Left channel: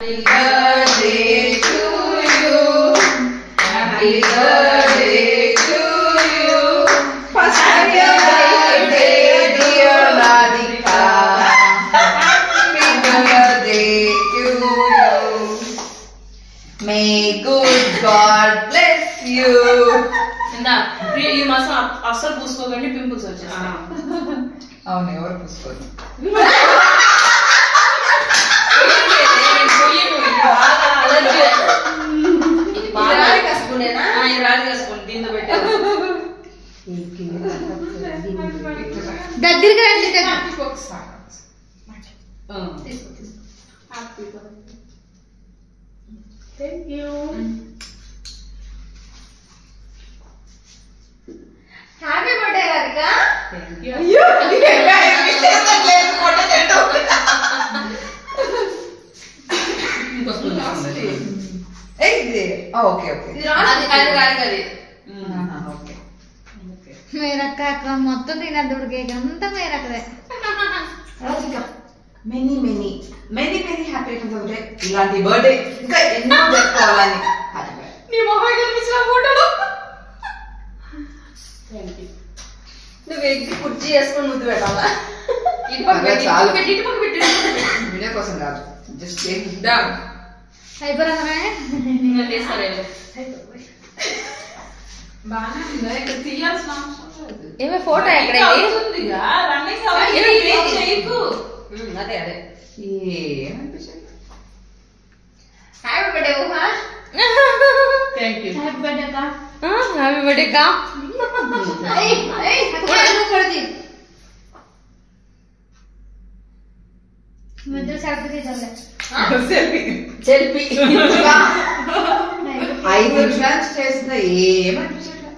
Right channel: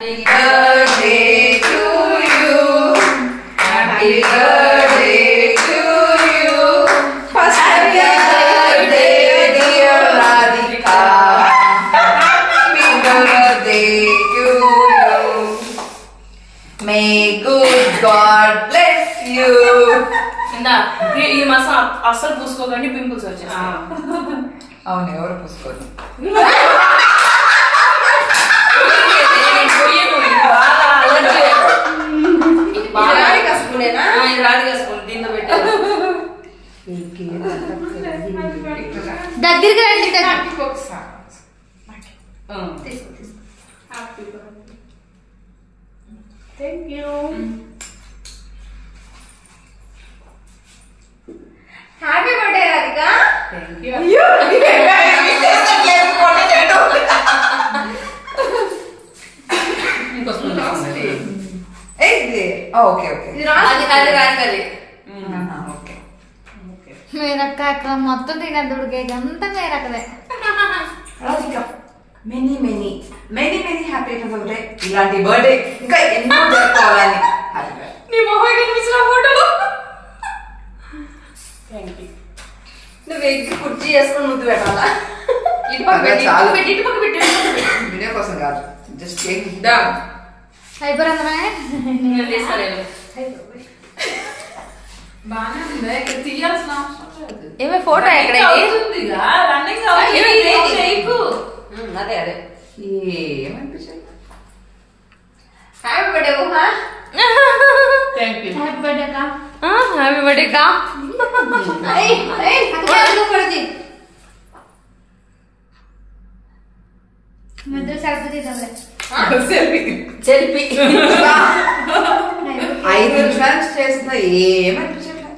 Happy birthday to you. Happy birthday to you. First happy birthday, dear Radhika. Happy birthday to you. May good God bless you. ఈ మాసం అస్సలు పూసుకోకండి, pimples వచ్చేస్తాయి. అవును, ఎవరు పూసుకోండి. దగ్గరికి రండి. Thank you. Happy birthday Radhika. Okay okay మేరక్క అక్క మొత్తం తినద్దు కేక్ అంతా మేరక్కదే. Many many many many happy birthday. ఇలాంటి బర్త్డే ఇంకా ఎన్నో జరుపుకోవాలని. నీ మొహం కనిపించిన ఫోటోలో. నువ్వు ఎగ్గి కుర్చీ చేసుకొని ముద్దు పెట్టాలా? ఇటు పక్క పెట్టి వీడియో కోసం కాదు, జస్ట్ కేక్. అయిపోయిందా? బాగానే ఉంది, ఇక్కడ తీయాల్సిన అవసరం లేదు. ఏమే ఫోటో ఎక్కడ? అదే అదే ఏమనిపించింది? హ్యాపీ బర్త్డే ఊహా. Thank you. హ్యాపీ బర్త్డే అక్క. హ్యాపీ బర్త్డే కా. మధ్య సెల్ఫీ తీద్దాంలే. సెల్ఫీ 5 నిమిషాలు చేసిన ఏమనిపించట్లేదు.